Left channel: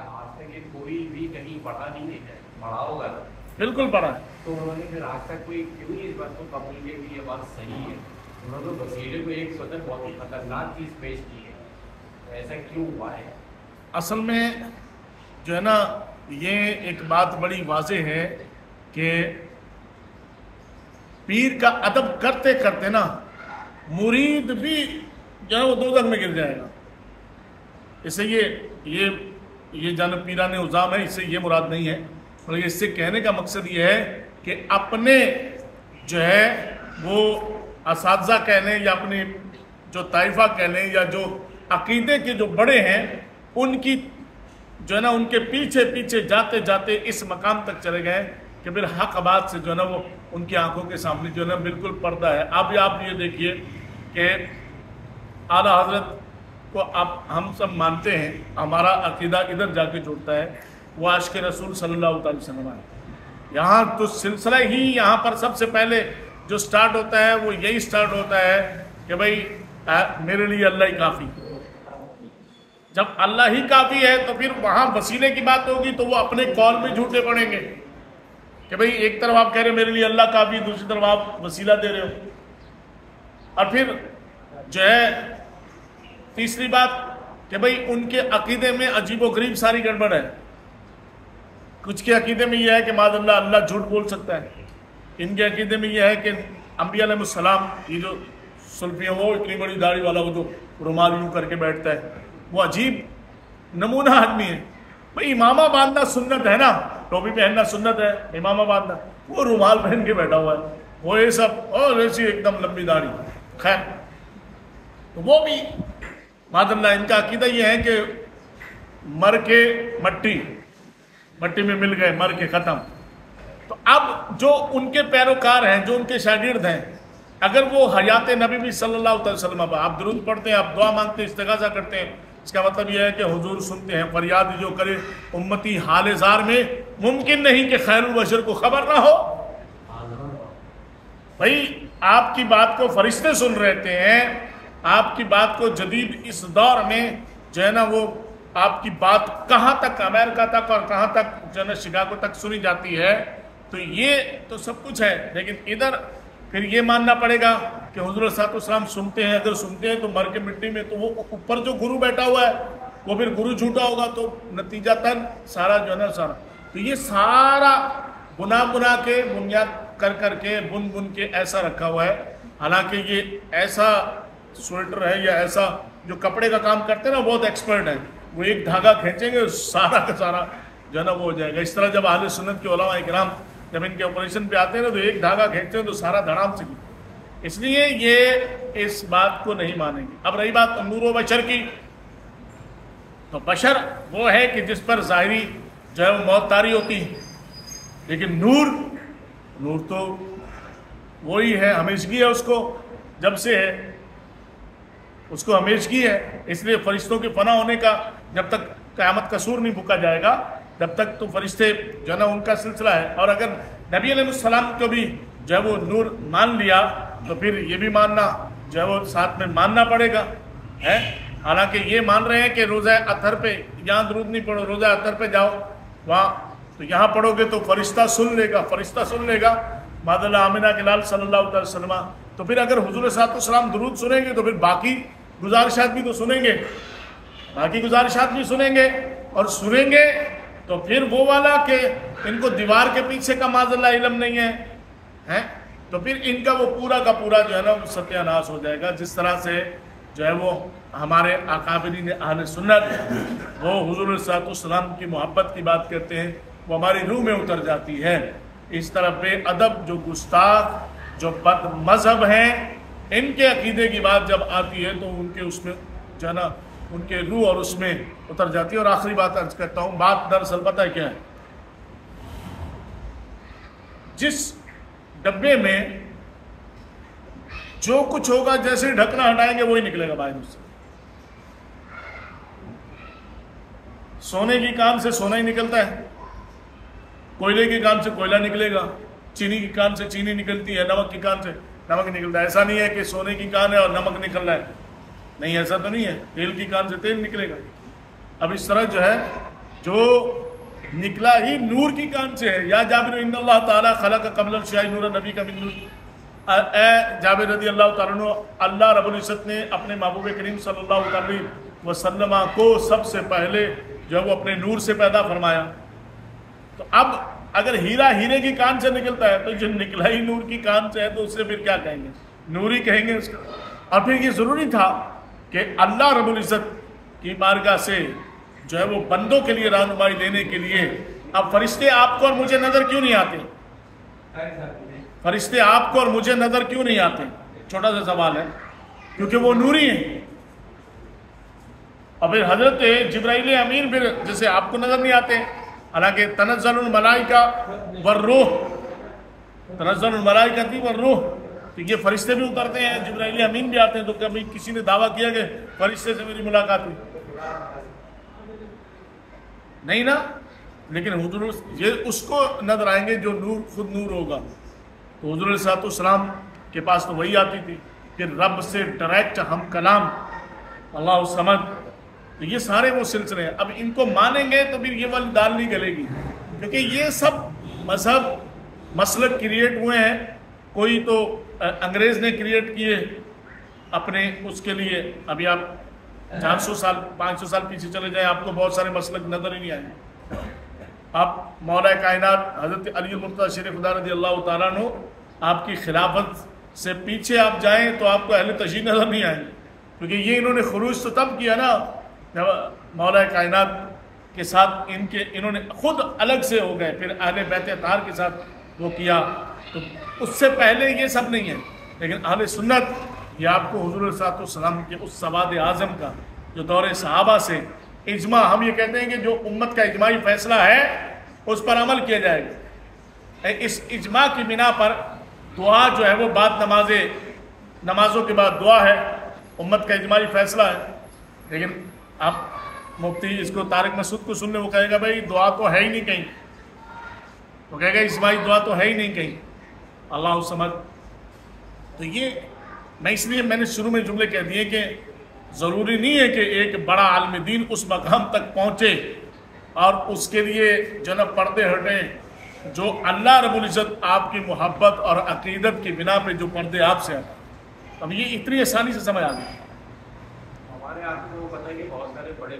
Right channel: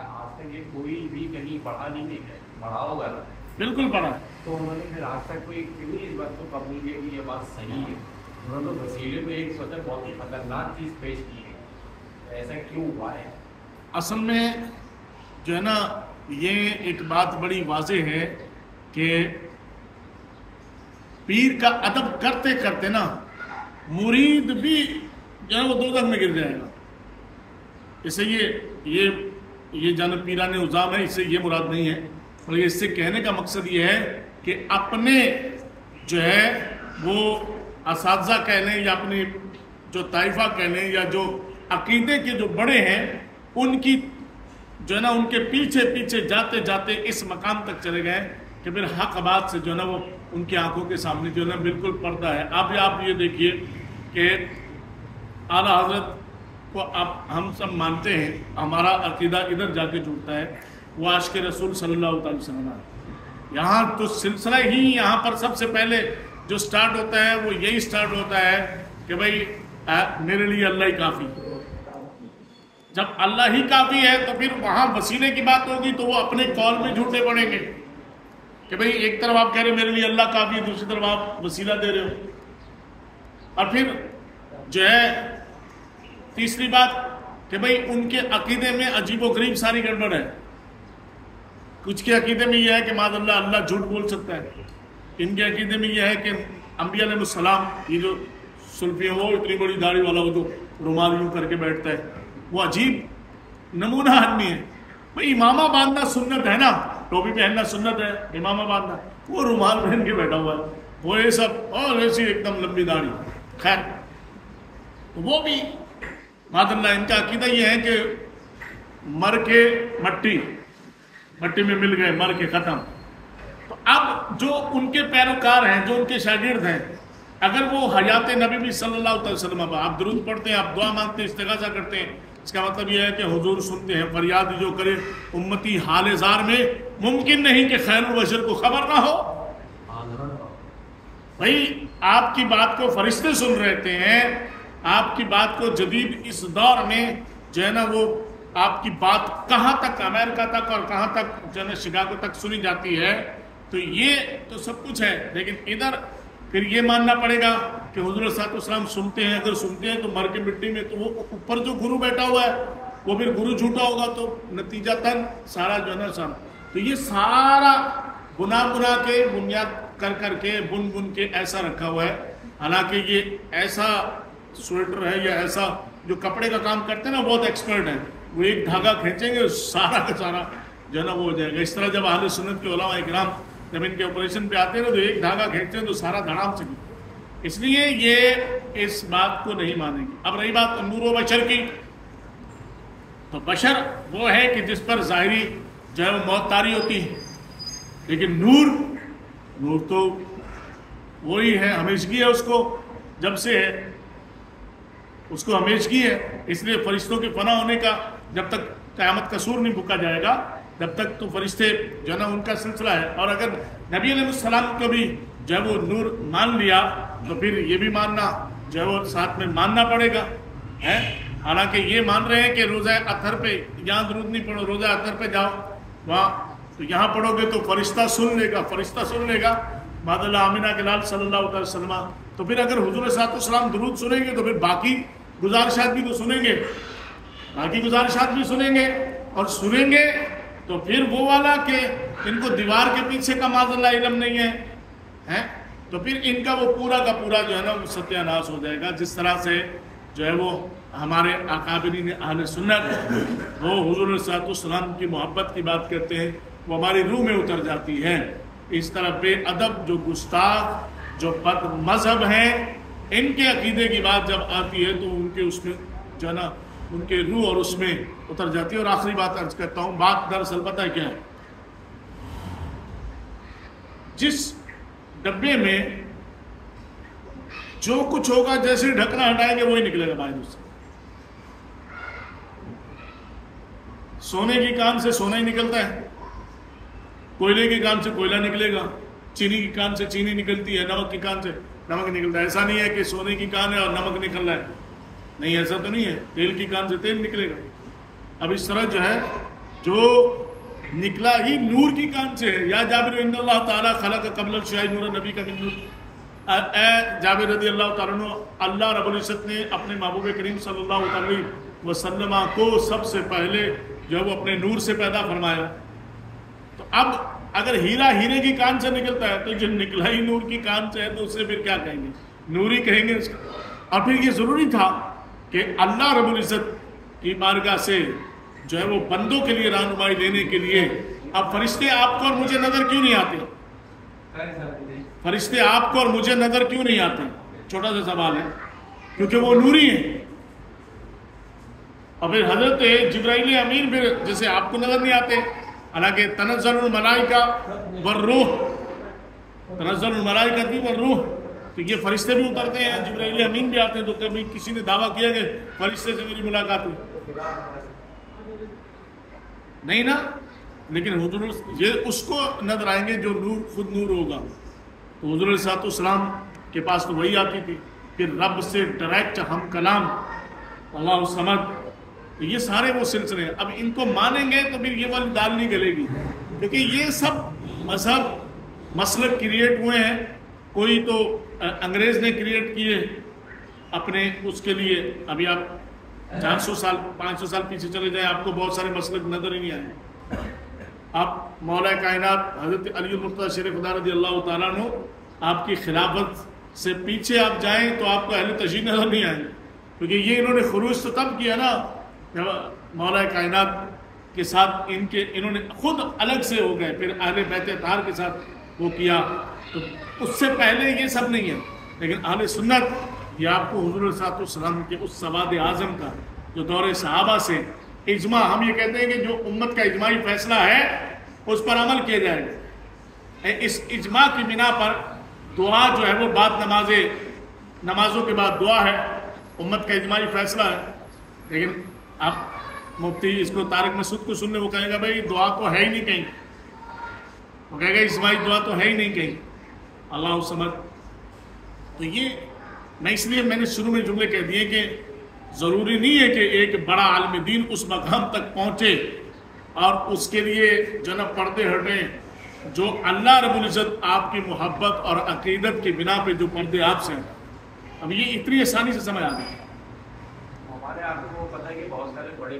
کیا آج تک یہ کوئی بھی کہیں پڑھا نہیں ہے؟ پڑھا ہوگا نا؟ بالکل پڑھا ہے. تو انہوں نے پھر آج تک کوئی کیوں نہیں اس بات کو قبول کیا کہ یہ بات صحیح ہے؟ انہوں نے وسیلے کو ایک بہت ہی خطرناک چیز پیش کی ہے. ایسا کیوں ہوا ہے؟ اصل میں جو ہے نا یہ ایک بات بڑی واضح ہے کہ پیر کا ادب کرتے کرتے نا مرید بھی جو ہے وہ دوزخ میں گر جائے گا. اس سے یہ جانب پیران عظام ہے، اس سے یہ مراد نہیں ہے، بلکہ اس سے کہنے کا مقصد یہ ہے کہ اپنے جو ہے وہ اساتذہ کہہ لیں یا اپنے جو طائفہ کہہ لیں یا جو عقیدے کے جو بڑے ہیں ان کی جو ہے نا ان کے پیچھے پیچھے جاتے جاتے اس مقام تک چلے گئے کہ پھر حق بات سے جو ہے نا وہ ان کی آنکھوں کے سامنے جو ہے نا بالکل پردہ ہے. اب آپ یہ دیکھیے کہ اعلیٰ حضرت کو ہم سب مانتے ہیں، ہمارا عقیدہ ادھر جا کے جڑتا ہے، وہ عاشق رسول صلی اللہ علیہ وسلم. یہاں تو سلسلہ ہی یہاں پر سب سے پہلے جو سٹارٹ ہوتا ہے وہ یہی سٹارٹ ہوتا ہے کہ بھئی میرے لیے اللہ ہی کافی. جب اللہ ہی کافی ہے تو پھر وہاں وسیلے کی بات ہوگی تو وہ اپنے قول میں جھوٹے پڑیں گے کہ بھئی ایک طرف آپ کہہ رہے میرے لیے اللہ کافی ہے، دوسری طرف آپ وسیلہ دے رہے ہو. اور پھر جو ہے تیسری بات کہ بھئی ان کے عقیدے میں عجیب و غریب ساری گڑبڑ ہے. کچھ کے عقیدے میں یہ ہے کہ معاذ اللہ اللہ جھوٹ بول سکتا ہے. ان کے عقیدے میں یہ ہے کہ انبیاء علیہ السلام، یہ جو سلفی ہے وہ اتنی بڑی داڑھی والا وہ جو رومال یوں کر کے بیٹھتا ہے وہ عجیب نمونہ آدمی ہے. بھئی امامہ باندھنا سنت ہے نا، ٹوپی پہننا سنت ہے، امامہ باندھنا، وہ رومال پہن کے بیٹھا ہوا ہے، وہ یہ سب اور ایسی ایک دم لمبی داڑھی. خیر وہ بھی معاذ اللہ ان کا عقیدہ یہ ہے کہ مر کے مٹی میں مل گئے، مر کے ختم. تو اب جو ان کے پیروکار ہیں، جو ان کے شاگرد ہیں، اگر وہ حیات نبی بھی صلی اللہ علیہ وسلم پر آپ درود پڑھتے ہیں، آپ دعا مانگتے ہیں، استغاثہ کرتے ہیں، اس کا مطلب یہ ہے کہ حضور سنتے ہیں. فریاد جو کرے امتی حال زار میں، ممکن نہیں کہ خیر البشر کو خبر نہ ہو. بھائی آپ کی بات کو فرشتے سن رہتے ہیں، آپ کی بات کو جدید اس دور میں جو ہے نا وہ آپ کی بات کہاں تک امریکہ تک اور کہاں تک جو ہے نا شکاگو تک سنی جاتی ہے. تو یہ تو سب کچھ ہے، لیکن ادھر پھر یہ ماننا پڑے گا کہ حضور صلی اللہ علیہ وسلم سنتے ہیں. اگر سنتے ہیں تو مر کے مٹی میں، تو وہ اوپر جو گرو بیٹھا ہوا ہے وہ پھر گرو جھوٹا ہوگا تو نتیجہ تن سارا جو ہے نا سارا. تو یہ سارا گناہ کے بنیاد کر کے بن کے ایسا رکھا ہوا ہے. حالانکہ یہ ایسا سویٹر ہے یا ایسا جو کپڑے کا کام کرتے ہیں نا بہت ایکسپرٹ ہیں، وہ ایک دھاگا کھینچیں گے سارا کا سارا جو ہے نا وہ ہو جائے گا. اس طرح جب اہل سنت کے علماء اکرام جب ان کے آپریشن پہ آتے ہیں نا تو ایک دھاگا کھینچتے ہیں تو سارا دھڑام سے. اس لیے یہ اس بات کو نہیں مانیں گے. اب رہی بات نور و بشر کی، تو بشر وہ ہے کہ جس پر ظاہری جو ہے وہ موت طاری ہوتی ہے، لیکن نور تو وہی ہے، ہمیشگی ہے، اس کو جب سے ہے اس کو ہمیشگی ہے. اس لیے فرشتوں کے فنا ہونے کا جب تک قیامت کا سور نہیں پھونکا جائے گا جب تک تو فرشتے جو ہے نا ان کا سلسلہ ہے. اور اگر نبی علیہ السلام کو بھی جو ہے وہ نور مان لیا تو پھر یہ بھی ماننا جو ہے وہ ساتھ میں ماننا پڑے گا ہے. حالانکہ یہ مان رہے ہیں کہ روزہ اطہر پہ یہاں درود نہیں پڑھو، روزہ اطہر پہ جاؤ وہاں، تو یہاں پڑھو گے تو فرشتہ سن لے گا معاذ اللہ آمنہ کے لال صلی اللہ علیہ وسلم. تو پھر اگر حضور صلی اللہ علیہ وسلم درود سنیں گے تو پھر باقی گزارشات بھی تو سنیں گے، اور سنیں گے تو پھر وہ والا کہ ان کو دیوار کے پیچھے کا معاذ اللہ علم نہیں ہے تو پھر ان کا وہ پورا کا پورا جو ہے نا ستیہ ناش ہو جائے گا. جس طرح سے جو ہے وہ ہمارے اکابرین اہل سنت وہ حضور صلی اللہ علیہ وسلم کی محبت کی بات کرتے ہیں، وہ ہماری روح میں اتر جاتی ہے. اس طرح بے ادب جو گستاخ جو بد مذہب ہیں ان کے عقیدے کی بات جب آتی ہے تو ان کے اس میں جو ہے نا ان کے روح اور اس میں اتر جاتی ہے. اور آخری بات عرض کرتا ہوں، بات دراصل پتہ ہے کیا ہے، جس ڈبے میں جو کچھ ہوگا جیسے ڈھکنا ہٹائیں گے وہی نکلے گا باہر سے. سونے کی کان سے سونا ہی نکلتا ہے، کوئلے کی کان سے کوئلہ نکلے گا، چینی کی کان سے چینی نکلتی ہے، نمک کی کان سے نمک نکلتا ہے. ایسا نہیں ہے کہ سونے کی کان ہے اور نمک نکل رہا ہے، نہیں ایسا تو نہیں ہے. تیل کی کان سے تیل نکلے گا. اب اس طرح جو ہے جو نکلا ہی نور کی کان سے ہے. یا جابر ان اللہ تعالیٰ خلق قبل الشیء نور نبی کا من نور. اے جابر رضی اللہ تعالیٰ عنہ، اللہ رب العزت نے اپنے محبوب کریم صلی اللہ علیہ وسلم کو سب سے پہلے جو وہ اپنے نور سے پیدا فرمایا. تو اب اگر ہیرا ہیرے کی کان سے نکلتا ہے تو جو نکلا ہی نور کی کان سے ہے تو اس سے پھر کیا کہیں گے؟ نور ہی کہیں گے اس کا. اور پھر یہ ضروری تھا کہ اللہ رب العزت کی بارگاہ سے جو ہے وہ بندوں کے لیے رہنمائی دینے کے لیے اب فرشتے آپ کو اور مجھے نظر کیوں نہیں آتے؟ فرشتے آپ کو اور مجھے نظر کیوں نہیں آتے؟ چھوٹا سا سوال ہے. کیونکہ وہ نوری ہیں. اور پھر حضرت جبرائیل امین پھر جیسے آپ کو نظر نہیں آتے، حالانکہ تنزل الملائکہ والروح، تنزل الملائکہ والروح، تو یہ فرشتے بھی اترتے ہیں، جبرائیل امین بھی آتے ہیں. تو کبھی کسی نے دعویٰ کیا کہ فرشتے سے میری ملاقات ہوئی؟ نہیں نا. لیکن حضور یہ اس کو نظر آئیں گے جو نور خود نور ہوگا. تو حضور صلی اللہ علیہ وسلم کے پاس تو وہی آتی تھی، پھر رب سے ڈائریکٹ ہم کلام اللہ سمجھ. تو یہ سارے وہ سلسلے ہیں. اب ان کو مانیں گے تو پھر یہ والی دال نہیں گلے گی، کیونکہ یہ سب مذہب مسلک کریٹ ہوئے ہیں. کوئی تو انگریز نے کریٹ کیے اپنے اس کے لیے. ابھی آپ 400 سال 500 سال پیچھے چلے جائیں، آپ کو بہت سارے مسلک نظر ہی نہیں آئے. آپ مولا کائنات حضرت علی المرتضیٰ شیر خدا رضی اللہ تعالیٰ عنہ آپ کی خلافت سے پیچھے آپ جائیں تو آپ کو اہل تشیع نظر نہیں آئیں گے. کیونکہ یہ انہوں نے خروج تو تب کیا نا جب مولا کائنات کے ساتھ انہوں نے خود الگ سے ہو گئے، پھر اہل بیت اطہار کے ساتھ وہ کیا. تو اس سے پہلے یہ سب نہیں ہے. لیکن اہل سنت یہ آپ کو حضور صلی اللہ علیہ وسلم کے اس سواد اعظم کا جو دور صحابہ سے اجماع، ہم یہ کہتے ہیں کہ جو امت کا اجماعی فیصلہ ہے اس پر عمل کیا جائے گا. اس اجماع کی بنا پر دعا جو ہے وہ بعد نمازوں کے بعد دعا ہے، امت کا اجماعی فیصلہ ہے. لیکن آپ مفتی اس کو طارق مسعود کو سن لیں، وہ کہے گا بھائی دعا تو ہے ہی نہیں کہیں، وہ کہے گا اجماعی دعا تو ہے ہی نہیں کہیں. اللہ سمجھ. تو یہ میں نے شروع میں جملے کہہ دیے کہ ضروری نہیں ہے کہ ایک بڑا عالم دین اس مقام تک پہنچے اور اس کے لیے جو نا پردے ہٹیں. جو اللہ رب العزت آپ کی محبت اور عقیدت کی بنا پہ جو پردے آپ سے ہٹیں. اب یہ اتنی آسانی سے سمجھ آ گئی. ہمارے آپ کو پتہ ہے کہ بہت سارے بڑے